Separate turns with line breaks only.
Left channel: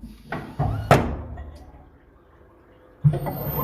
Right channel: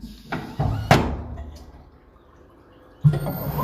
Thank uh you. -huh.